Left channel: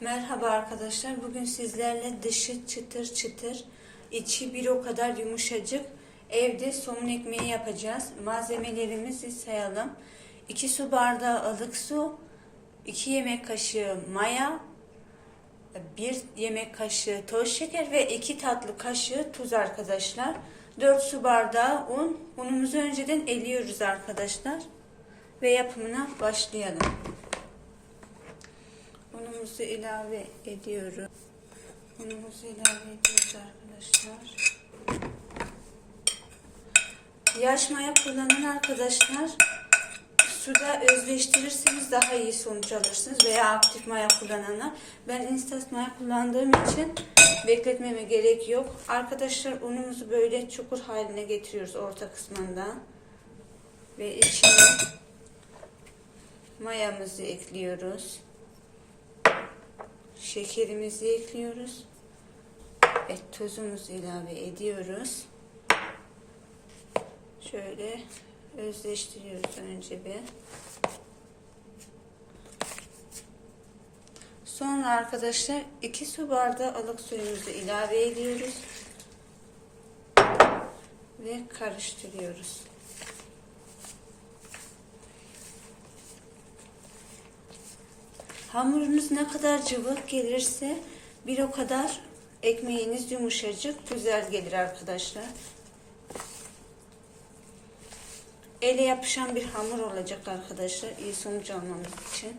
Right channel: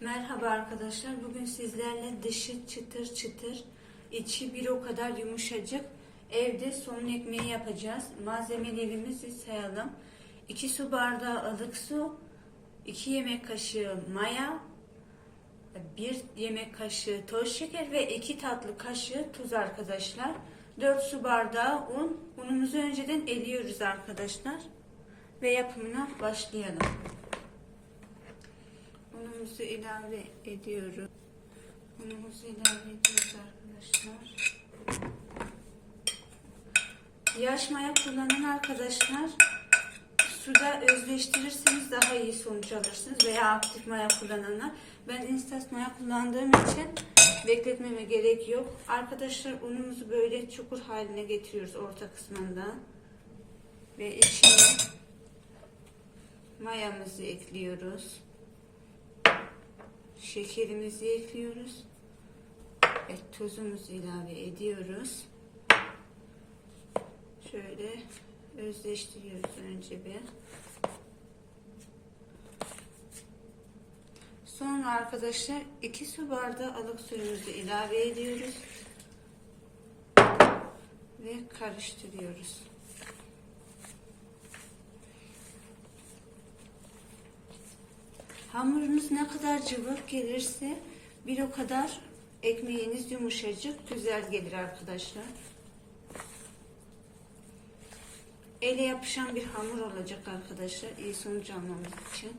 Merhaba arkadaşlar. Bugün sizlerle dışı çıtır çıtır, içi bir o kadar yumuşacık evde somun ekmeği yapacağız. Malzemelerimizi sayalım. 2 su bardağı ılık su, 2 yemek kaşığı maya, 1 yemek kaşığı toz şeker ve 2 tatlı kaşığı tuz arkadaşlar. 4 su bardağı un. Unumuzu önceden eliyoruz arkadaşlar. Ve yapımına başlayalım. Unumuzu ilave ediyoruz. Unumuzu ilave ediyoruz arkadaşlar. Yaş maya kullanan arkadaşlar suda özleştirirseniz daha iyi sonuç alırsınız veya aktif maya kullananlar. Ben instant maya kullandığım için bekletmeme gerek yok. Arkadaşlar unumuzu böyle çukur haline getiriyoruz orta kısmından. Ve içine mayamızı ekliyoruz. Şekerimizi ekliyoruz. Ve tuzumuzu ilave ediyoruz. Şöyle özleştiriyoruz önce bir. Sonra arkadaşlar 2 su bardağı ılık suyumuzu ilave ediyoruz. Ve karıştırıyoruz. Hamurunuz ne kadar cıvık gelirse bir o kadar ekmeğiniz yumuşacık, güzel gelir arkadaşlar. Ele yapışan bir hamur olacak arkadaşlar iyi sonuç almamız için.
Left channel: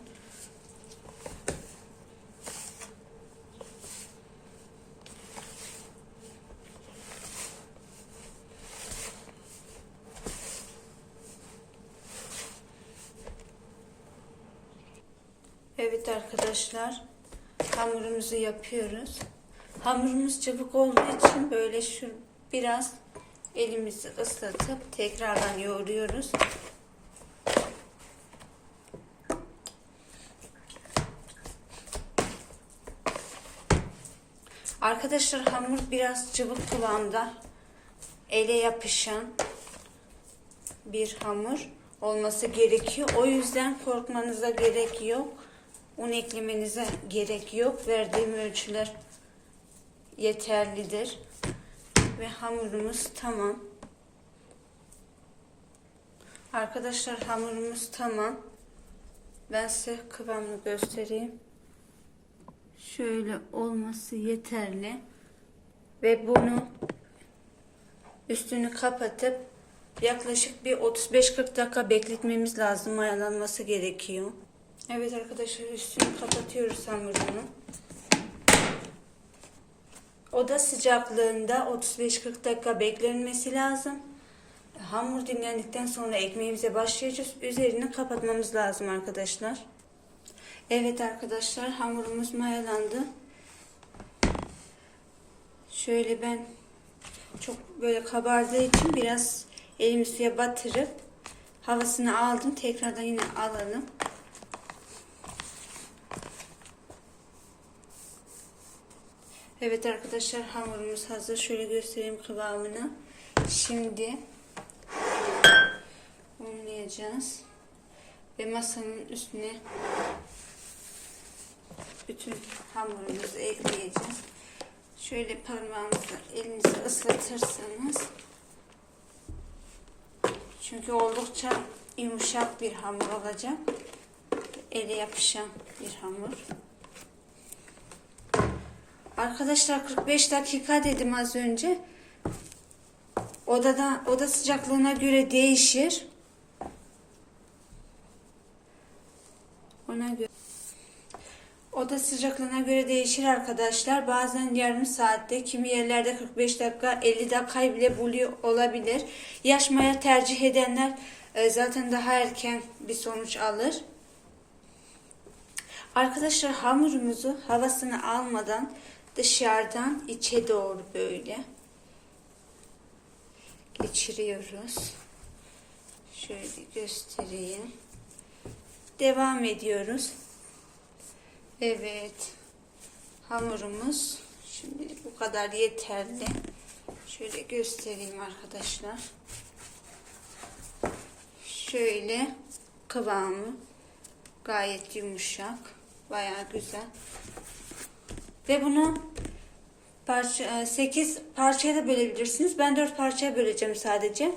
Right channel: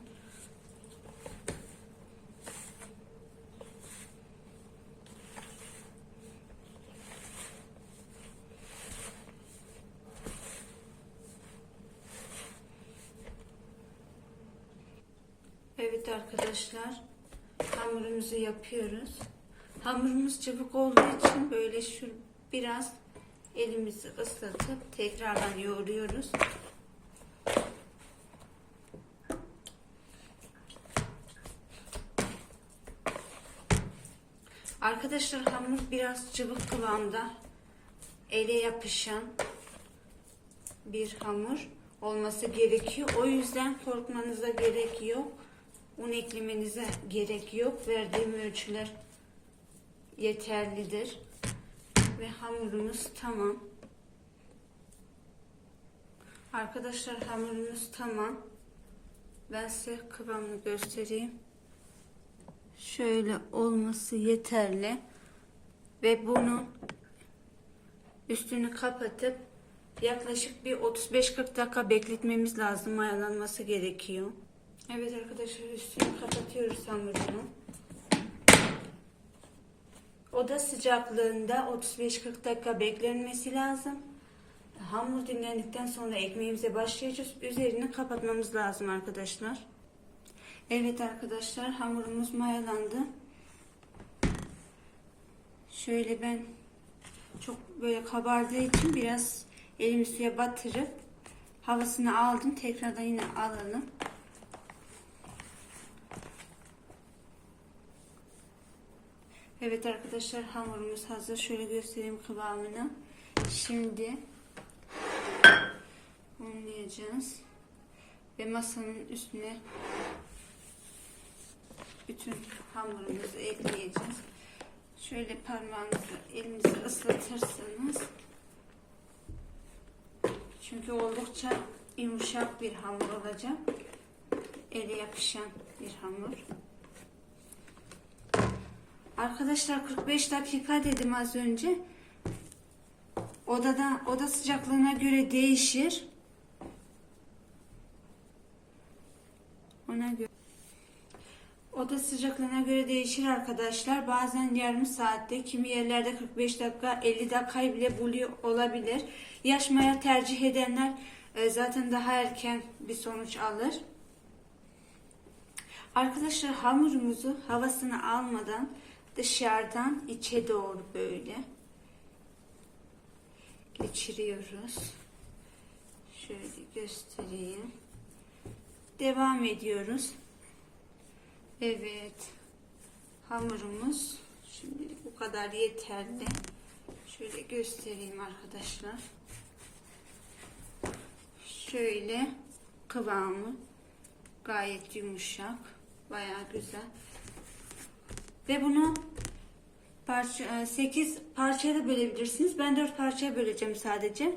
Evet arkadaşlar hamurumuzu yapıyoruz. Hamurumuz çabuk olduğu için böyle şu biraz elimizi ıslatıp tekrardan yoğuruyoruz. Arkadaşlar hamur biraz cıvık kıvamda ele yapışan bir hamur olması gerekiyor. O yüzden korkmanıza gerek yok. Un eklemenize gerek yok. Verdiğim ölçüler yeterlidir. Ve hamurumuz tamam. Arkadaşlar hamurumuz tamam. Ben size kıvamını göstereyim. Şöyle olması yeterli. Ve bunu üstünü kapatıp yaklaşık bir 35-40 dakika bekletmemiz lazım. Mayalanması gerekiyor. Evet arkadaşlar üstünü kapatıyoruz hamurunu. Oda sıcaklığında 35-40 dakika beklenmesi lazım. Hamur dinlendikten sonra ekmeğimize başlayacağız. Üzerini kapatmamız lazım arkadaşlar. Evet arkadaşlar hamurumuz mayalandı. Şöyle ben çok böyle kabardığı için biraz elimi suya batırıp havasını aldım. Tekrardan yine alalım. Evet arkadaşlar hamurumuz hazır. Şöyle göstereyim kıvamını. Şimdi unlayacağız. Ve masanın üstüne bütün hamurumuzu ekleyeceğiz. Şöyle parmağınızla elinizi ıslatırsanız çünkü oldukça yumuşak bir hamur olacak. Ele yapışan bir hamur. Arkadaşlar 45 dakika dedim az önce. Odada oda sıcaklığına göre değişir. Ona göre Oda sıcaklığına göre değişir arkadaşlar. Bazen yarım saatte, kimi yerlerde 45 dakika, 50 dakikayı bile buluyor olabilir. Yaş maya tercih edenler e, zaten daha erken bir sonuç alır. Arkadaşlar hamurumuzu havasını almadan dışarıdan içe doğru böyle geçiriyoruz. Şöyle göstereyim. Devam ediyoruz. Evet. Hamurumuz şimdi bu kadar yeterli. Şöyle göstereyim arkadaşlar. Şöyle kıvamı gayet yumuşak. Bayağı güzel. Ve bunu parça 8 parçaya da bölebilirsiniz. Ben 4 parçaya böleceğim sadece.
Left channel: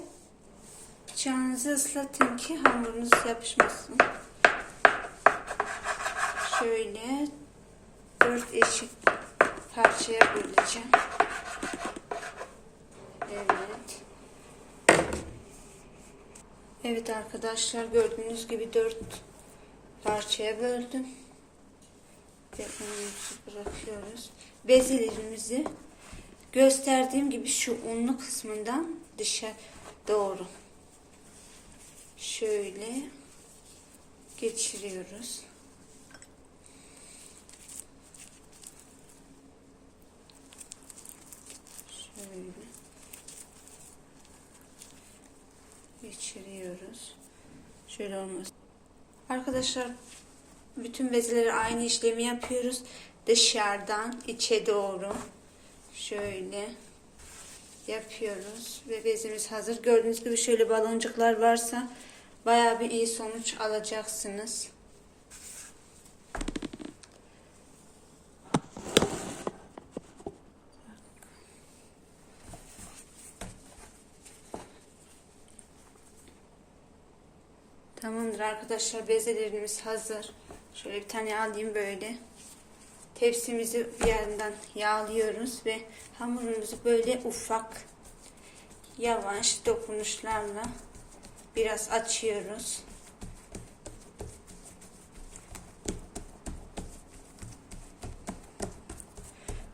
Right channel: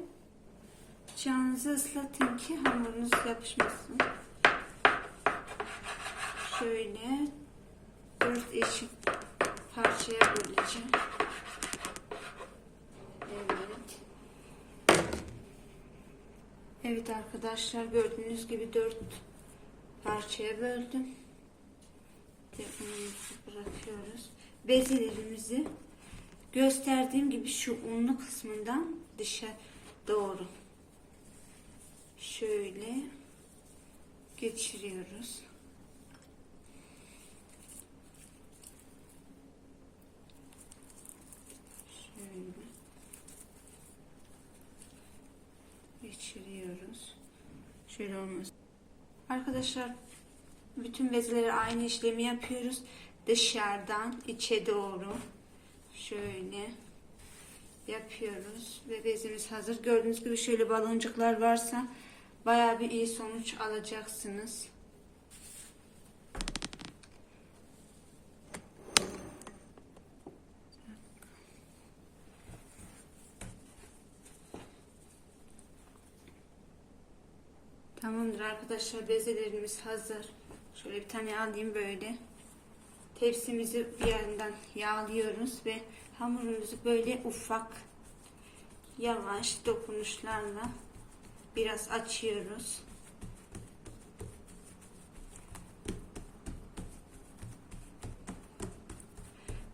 Bıçağınızı ıslatın ki hamurunuz yapışmasın. Şöyle 4 eşit parçaya böleceğim. Evet. Evet arkadaşlar gördüğünüz gibi 4 parçaya böldüm. Unumuzu bırakıyoruz. Bezelerimizi gösterdiğim gibi şu unlu kısmından dışa doğru şöyle geçiriyoruz. Şöyle geçiriyoruz. Şöyle olmaz. Arkadaşlar bütün bezelere aynı işlemi yapıyoruz. Dışarıdan içe doğru şöyle yapıyoruz ve bezimiz hazır. Gördüğünüz gibi şöyle baloncuklar varsa bayağı bir iyi sonuç alacaksınız. Tamamdır arkadaşlar bezelerimiz hazır. Şöyle bir tane alayım böyle. Tepsimizi bir yandan yağlıyoruz ve hamurumuzu böyle ufak yavaş dokunuşlarla biraz açıyoruz.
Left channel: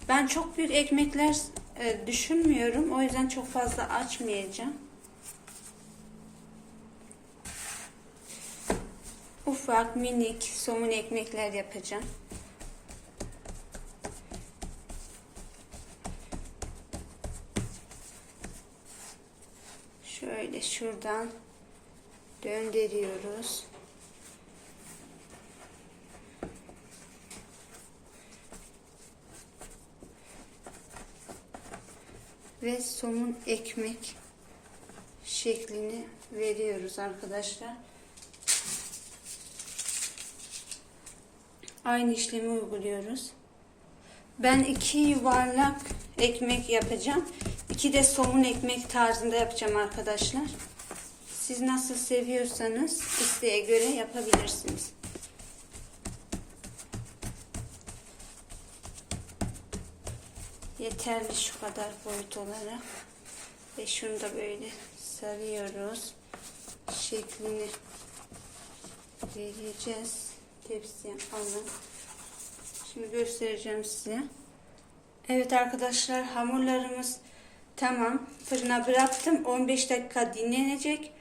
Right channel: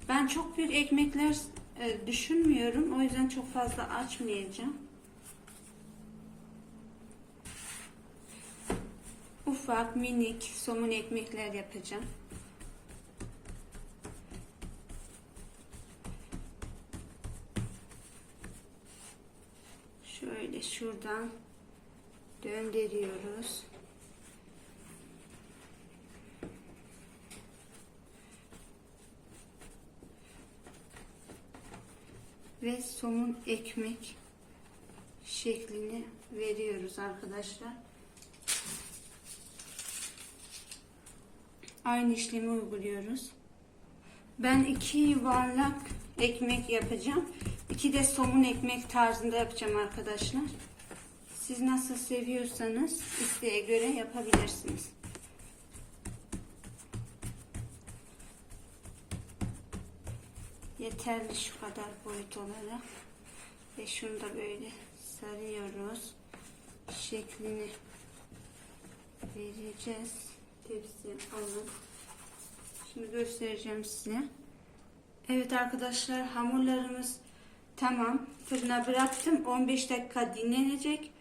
Ben çok büyük ekmekler e, düşünmüyorum. O yüzden çok fazla açmayacağım. Ufak minik somun ekmekler yapacağım. Şöyle şuradan döndürüyoruz. Ve somun ekmek şeklini veriyoruz arkadaşlar. Aynı işlemi uyguluyoruz. Ben iki yuvarlak ekmek yapacağım. İki de somun ekmek tarzında yapacağım arkadaşlar. Siz nasıl seviyorsanız isteğe göre yapabilirsiniz. Yeterli şu kadar boyut olarak. Ve şunu da böyle sarıyoruz. Şeklini vereceğiz. Tepsiye alın. Şimdi göstereceğim size. Evet arkadaşlar hamurlarımız tamam. Fırına bıraktım. 15 dakika dinlenecek.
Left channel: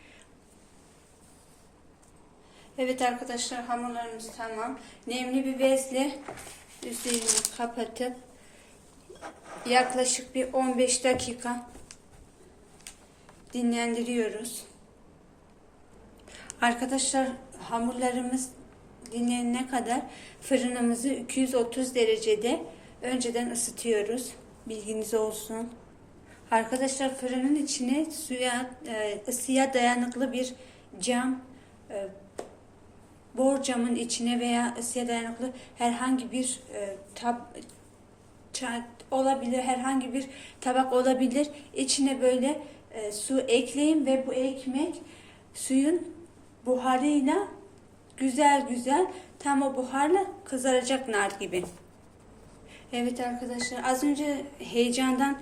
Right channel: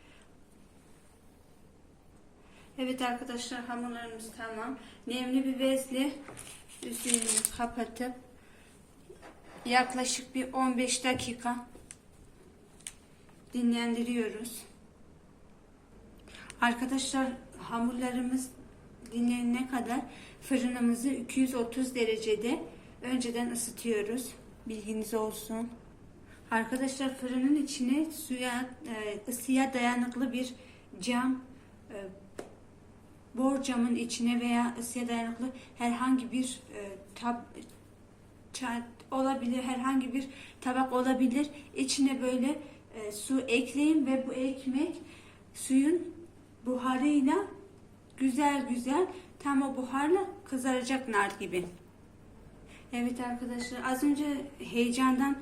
Evet arkadaşlar hamurlarımız tamam. Nemli bir bezle üzerini kapatıp yaklaşık bir 15 dakika dinlendiriyoruz. Arkadaşlar hamurlarımız dinlenene kadar fırınımızı 230 derecede önceden ısıtıyoruz. Bilginiz olsun. Arkadaşlar fırının içine suya e, ısıya dayanıklı bir cam e, borcamın içine veya ısıya dayanıklı herhangi bir e, tab olabilir, herhangi bir tabak olabilir. İçine böyle su ekleyin ve bu ekmek suyun buharıyla güzel güzel tam o buharla kızaracak nar gibi. Evet arkadaşlar az önce heyecandan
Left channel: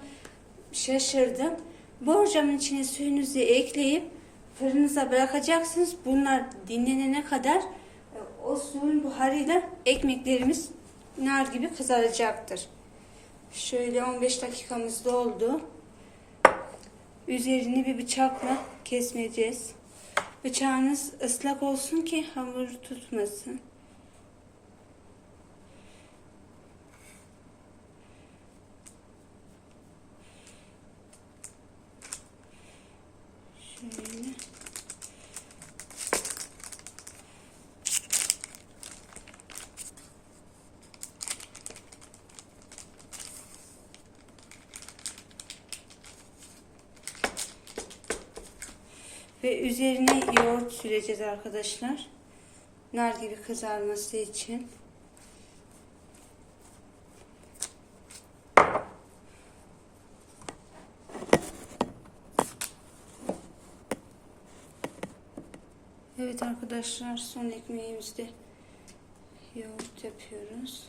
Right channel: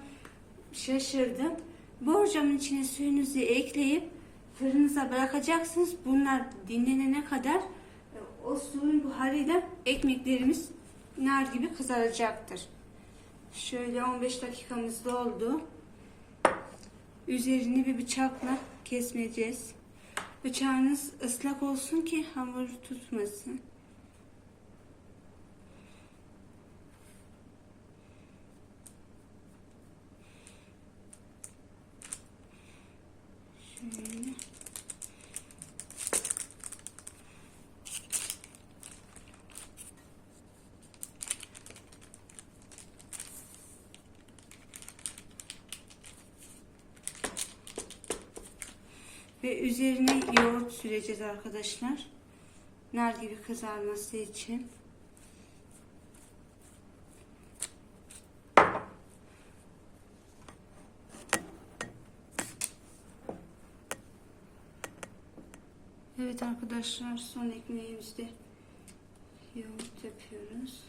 şaşırdım. Borcamın içine suyunuzu ekleyip fırınıza bırakacaksınız. Bunlar dinlenene kadar e, o suyun buharıyla ekmeklerimiz nar gibi kızaracaktır. Şöyle 15 dakikamız doldu. Üzerini bir bıçakla kesmeyeceğiz. Bıçağınız ıslak olsun ki hamur tutmasın. Ve üzerine yoğurt süreceğiz arkadaşlar. Nar gibi kızarması için. Evet arkadaşlar son ekmeğimizde yoğurt yapıyoruz.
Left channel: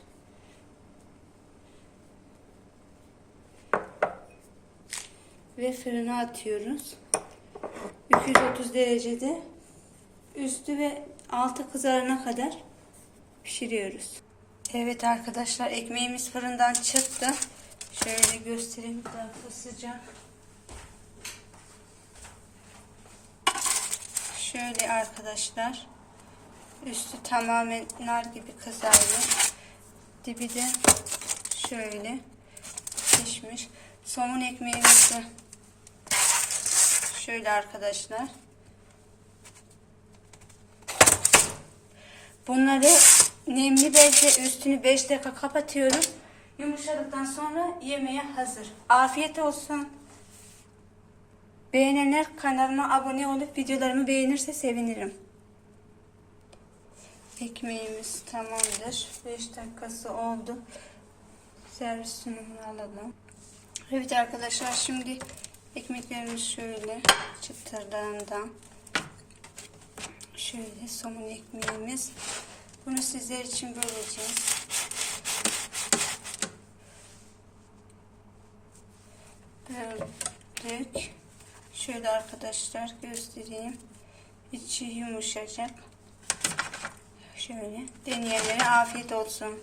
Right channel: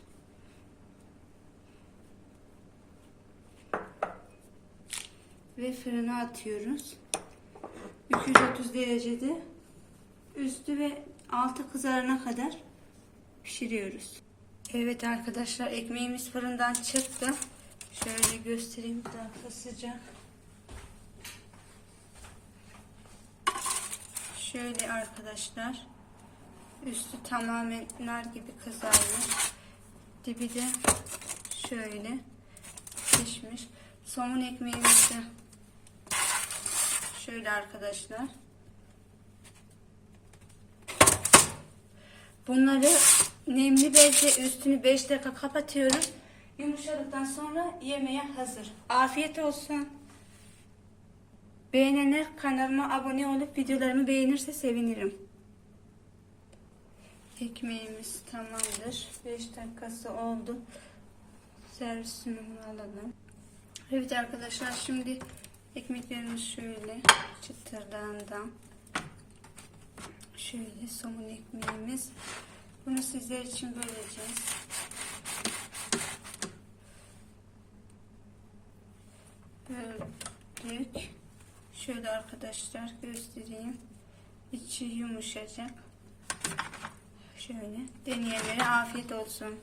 Ve fırına atıyoruz. 230 derecede üstü ve altı kızarana kadar pişiriyoruz. Evet arkadaşlar ekmeğimiz fırından çıktı. Şöyle göstereyim dakika sıcak. Şöyle arkadaşlar. Üstü tamamen nar gibi kızardı. Dibi de şöyle pişmiş. Somun ekmeğimiz de şöyle arkadaşlar. Bunları nemli bezle üstünü 5 dakika kapatıyoruz. Yumuşadıktan sonra yemeğe hazır. Afiyet olsun. Beğenenler kanalıma abone olup videolarımı beğenirse sevinirim. Ekmeğimiz tamamdır. 5 dakikası oldu. Servis sunumunu alalım. Evet arkadaşlar şimdi ekmeklerimiz şöyle çıtırlarından şöyle somun ekmeğimiz. Bunu sizler için böleceğiz. Böldük. Şöyle arkadaşlar göstereyim. İçi yumuşacak. Şöyle deneyenlere afiyet olsun.